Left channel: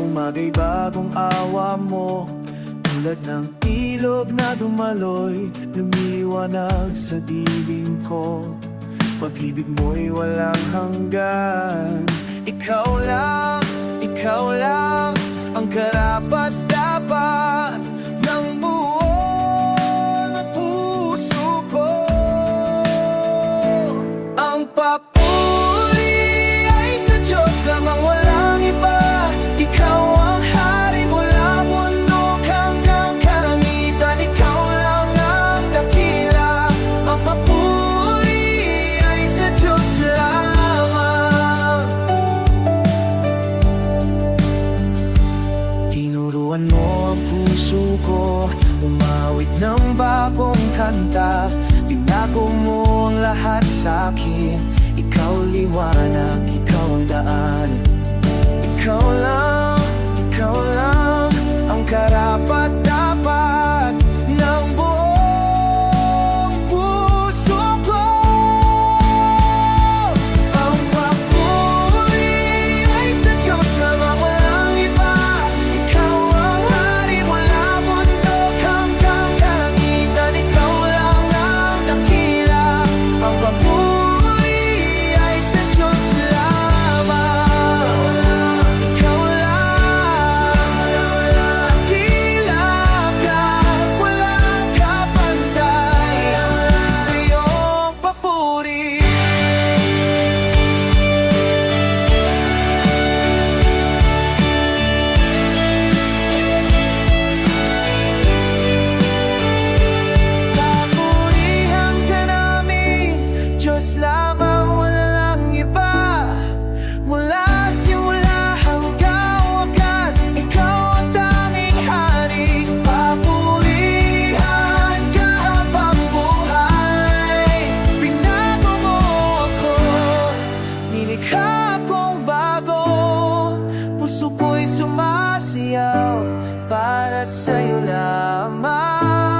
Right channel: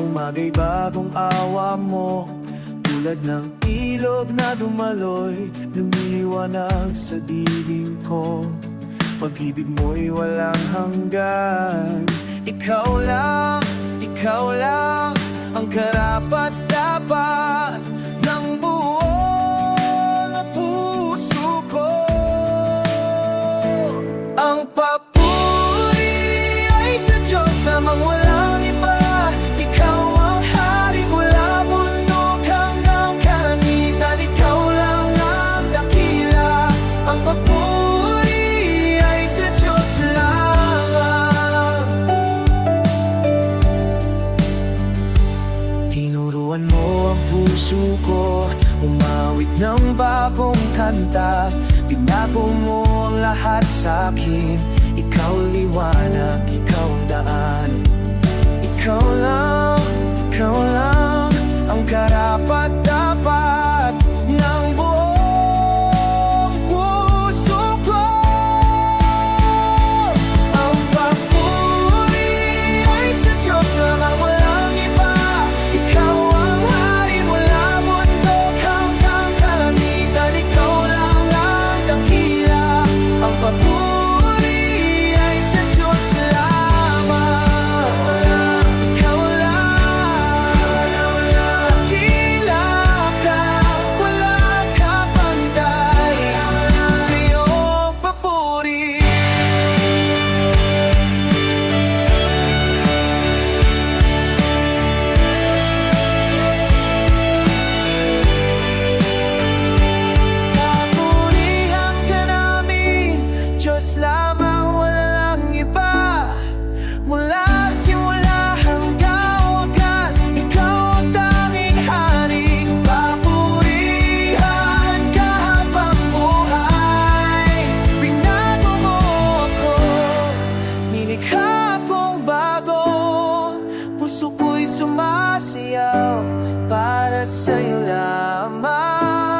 Umaga'y bagong awa mo Tulad ng ilog na dumaloy Lumiliwanag sa dibing ko. Pag-ibig mo'y walang hanggan. Ikaw lang, ikaw lang Ang karapat dapat Ng buong puso ko. Ang papuri Tinuruan mo ang puso ko. Umawit ng bagong kanta. Binago mo ang lahat sa akin. Ikaw liwanag, ikaw ang daan. Ikaw lang, ikaw lang Ang karapat dapat Diyos lamang wala lang iba. Mula simula hanggang wakas Ikaw ang tanging hari. Papurihan ka habang buhay. Pinago mo ako. Nilikha kong bago Puso ko'y sumasayaw Para sa'yo lamang